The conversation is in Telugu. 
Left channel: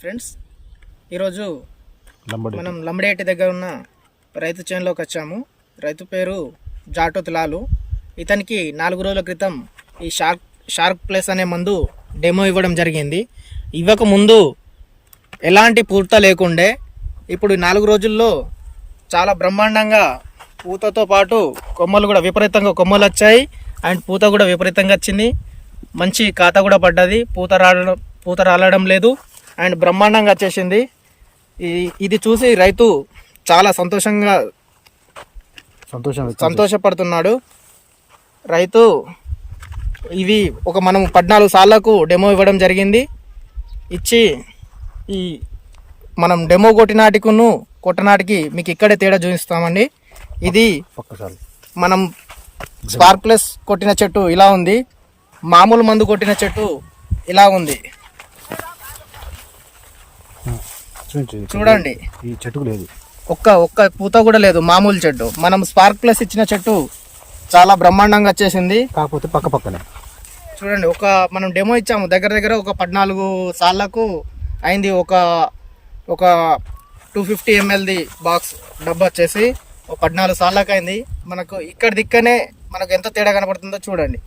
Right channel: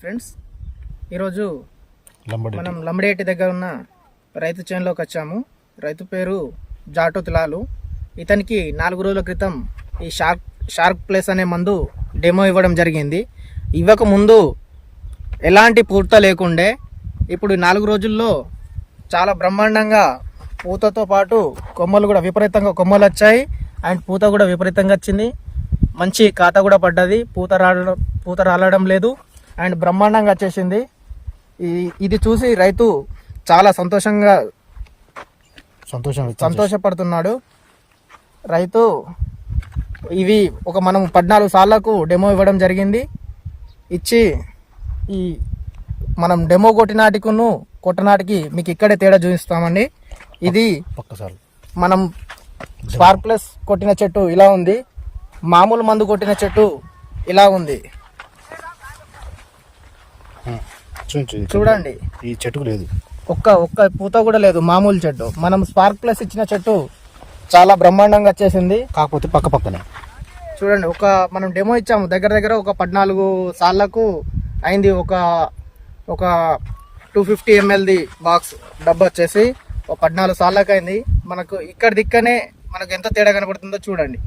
ఫ్రెండ్స్ ఈరోజు మనం లంబడేటి దగ్గర ఉన్న రైతు చేనులోకి వచ్చాము. రైతు పేరు జాటో లాలు ఇతనికి నాలుగు రోజుల క్రితం ఈ షార్క్ షార్క్ ప్లేస్ అనే మందు డెమో ఇవ్వడం జరిగింది. ఇవ్వక ముందు ఎలాంటి పూత లేకుండే ఇప్పుడు నాలుగు రోజుల్లో చాలా బ్రహ్మాండంగా పూతతో పాటు కొమ్మలు కూడా విపరీతంగా కొమ్మలు వచ్చాయి. అండ్ పూత కూడా విపరీతంగా వచ్చింది. మంచి కాత కూడా పడ్డది. పూత రావడం పూత రాలడం లేదు. అండ్ బ్రహ్మాండంగా వచ్చేసింది ఇది చూసి రైతు చాలా సంతోషంగా సంతోషం సంతోషపడుతున్నాడు. రైతు ఇవి ఒక మనం పద్నాలుగు సార్లకు డెమో ఇవ్వడం జరిగింది. ఇచ్చి ఈ మనం డెమో కొట్టినాటికును కొట్టనాటికి మీకు ఇక్కడే తేడా చూపిస్తామండి. ఇది మనం స్పార్క్ ప్లస్ కొట్టిన చెట్టు ఇలా ఉంది. మామూలు మందు కొట్టిన చెట్టు ఇలా ఉంది చూపించు ఇది చూడండి. ఈ చెట్టుకు లేదు. ఒక్క ఒక్క పూత కూడా లేదు మామూలు చెట్టు. మనం స్పార్క్ ప్లస్ ఇచ్చిన చెట్టు చాలా బ్రహ్మాండంగా వచ్చేసింది. కాకపోతే పక్క పక్కనే. చూడండి ఒక మనం డెమో ఇచ్చాము. దగ్గర దగ్గర ఒక పద్నాలుగు సార్లకు అయింది ఒక ఒక టూ ఫిఫ్టీ ఎంఎల్ది బాక్స్ డబ్బా వచ్చేసి ఒక పద్నాలుగు సార్లకు అయింది. మనకు ఇక్కడ దిక్కనే మనకు ఎంత తేడా కనపడుతుందో చూడండి.